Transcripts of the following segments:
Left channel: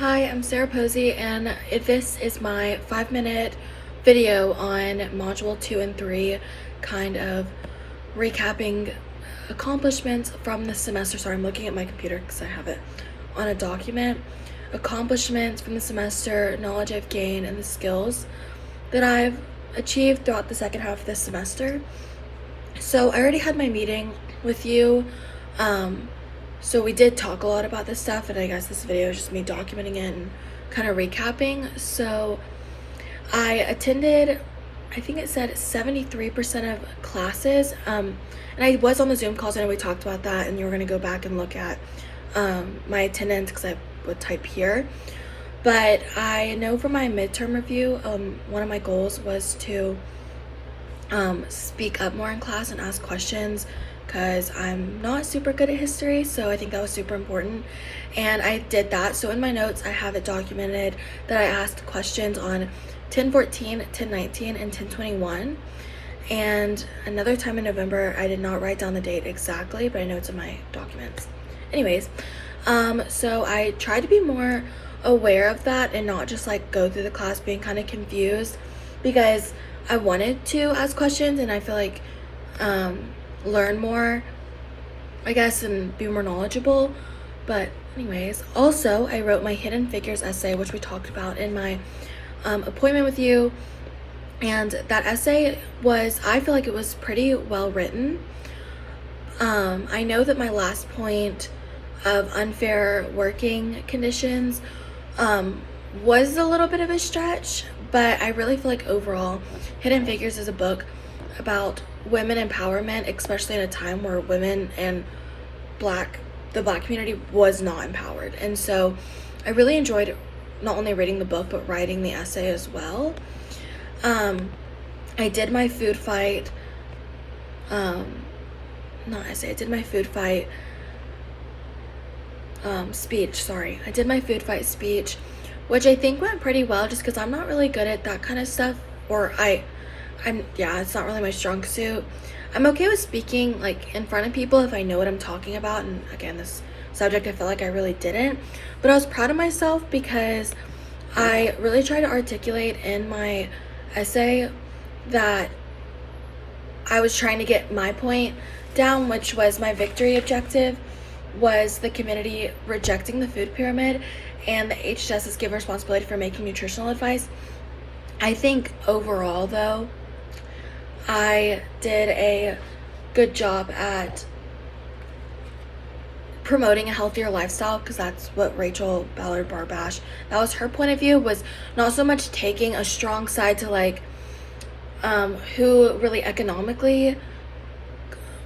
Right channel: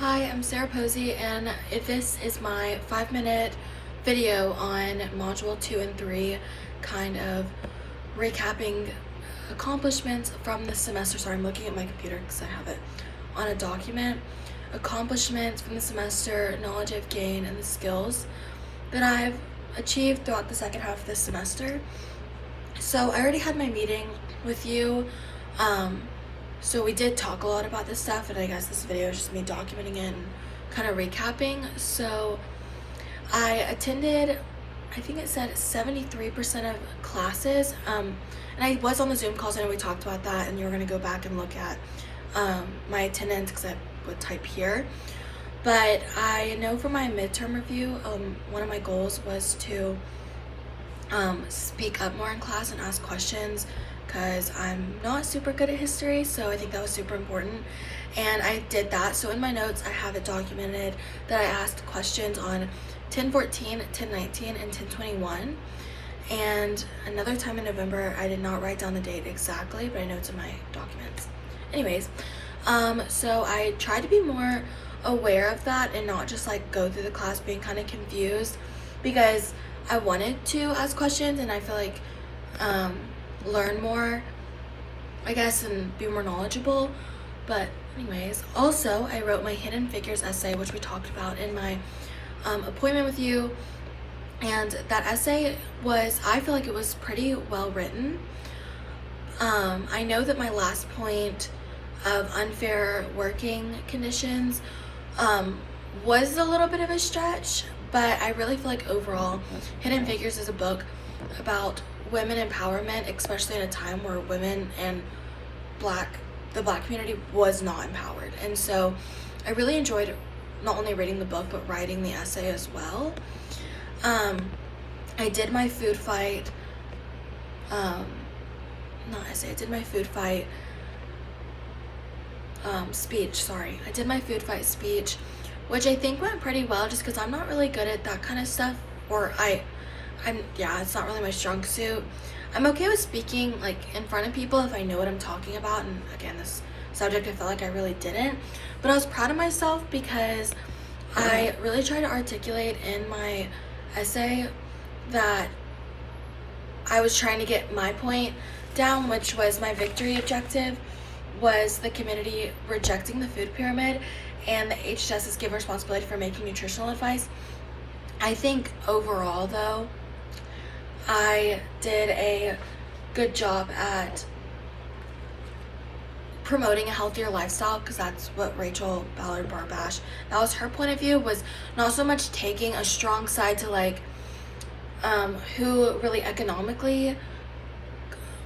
Hi, I'm Sarah Posey, and this is my 5-minute video on Module 2 and 3, kind of recapping accomplishments from the semester. Sorry, I'm looking at my computer because I have it on a document. Accomplishments from the semester, knowledge I've gained, and the skills that I've achieved throughout the second half of this semester. So I already had my meeting with you. So we did talk a lot about this stuff, and I guess this video is just me documenting it and kind of recapping. So I attended, I think it said 73% of classes, and I was on the Zoom calls. I know we talked about that, and you were going to go back and look at my attendance because I would type here. But I know for my midterm review, one of my goals was to speak up more in class and ask questions, because I'm not super good at history, so I think that was super important, and I did that. So in my notes I have it documented that I asked questions on 1014, 1019, and 1021, and another time in November. I did not write down the date exactly, but I know it's in my documents. Anyways, so I tried to be more aware of that and not just like go through the class being kind of confused, because I wanted to ask questions and I feel like learn more, I guess, and be more knowledgeable. But anyways, also I wrote my Hidden Figures essay, which we talked about in my appointment with you, and that essay was, I feel like it was pretty well written. I know that my last point of unfair working conditions was a little bit of a stretch, but I really feel like overall Hidden Figures is a book about women empowerment, especially in a time where women and the black community was not empowered. And so I really enjoyed not only reading the book but writing the essay as well. I did my food fight not essay, I did my food fight speech, sorry. I did my food fight speech, which I think went pretty well, just because I'm not really good at that kind of stuff, or it's not really my strong suit. I'm okay with speaking like in front of people if I know what I'm talking about, and again, this subject I felt like I really didn't. But I was proud of myself because I really tried to articulate in my essay that I was trying to get my point down, which was my victory objective was the community rejecting the food pyramid and the HHS is given responsibility for making nutritional advice. I think overall though, I did a good job at promoting a healthier lifestyle, because that's what Rachel Ballard Barbash, that was her point of view, was not so much taking a strong side to like who really economically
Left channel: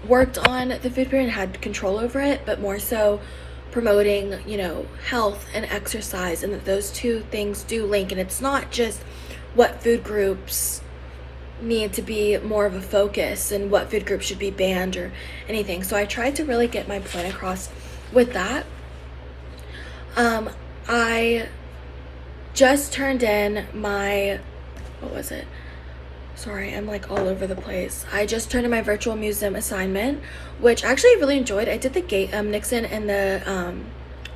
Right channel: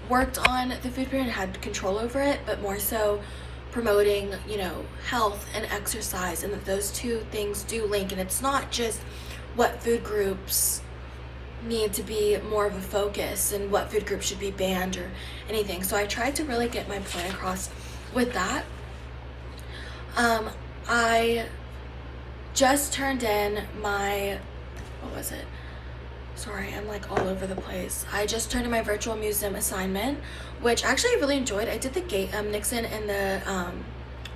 worked on the food pyramid and had control over it, but more so promoting, health and exercise, and that those two things do link, and it's not just what food groups need to be more of a focus and what food groups should be banned or anything. So I tried to really get my point across with that. I just turned in my, sorry, I'm like all over the place. I just turned in my virtual museum assignment, which actually I really enjoyed. I did the Nixon and the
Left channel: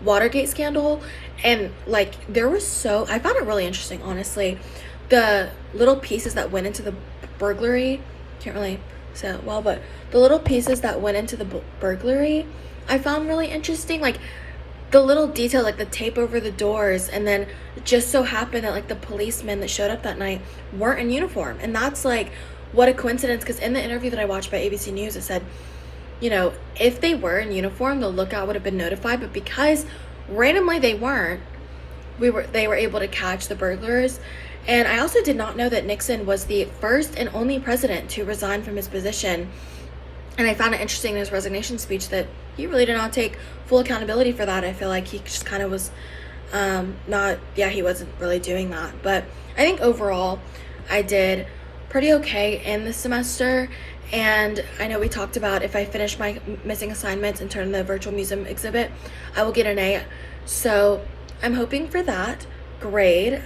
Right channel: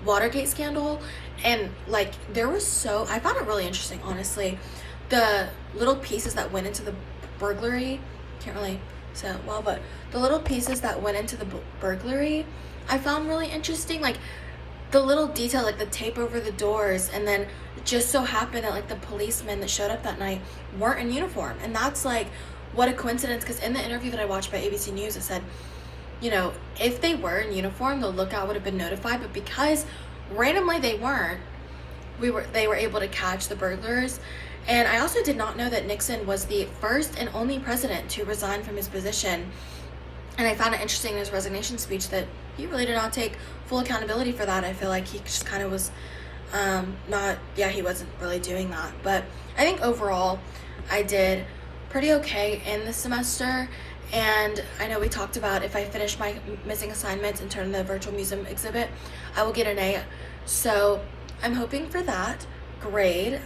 Watergate scandal, and like I found it really interesting, honestly. The little pieces that went into the burglary, can't really say it well, but the little pieces that went into the burglary I found really interesting. Like the little detail, like the tape over the doors, and then it just so happened that like the policemen that showed up that night weren't in uniform, and that's like, what a coincidence, because in the interview that I watched by ABC News, it said, if they were in uniform, the lookout would have been notified, but because randomly they weren't, they were able to catch the burglars. And I also did not know that Nixon was the first and only president to resign from his position. And I found it interesting in his resignation speech that he really did not take full accountability for that. I feel like he just kind of was he wasn't really doing that. But I think overall I did pretty okay in the semester. And I know we talked about if I finish my missing assignments and turn in the virtual museum exhibit, I will get an A. So I'm hoping for that grade.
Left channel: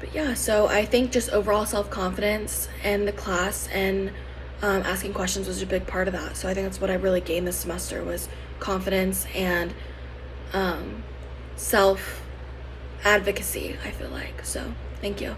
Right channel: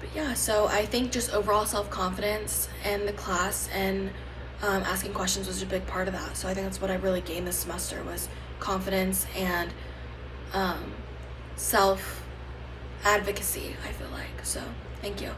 But yeah, so I think just overall self-confidence in the class and asking questions was a big part of that. So I think that's what I really gained this semester, was confidence and self advocacy, I feel like. So thank you.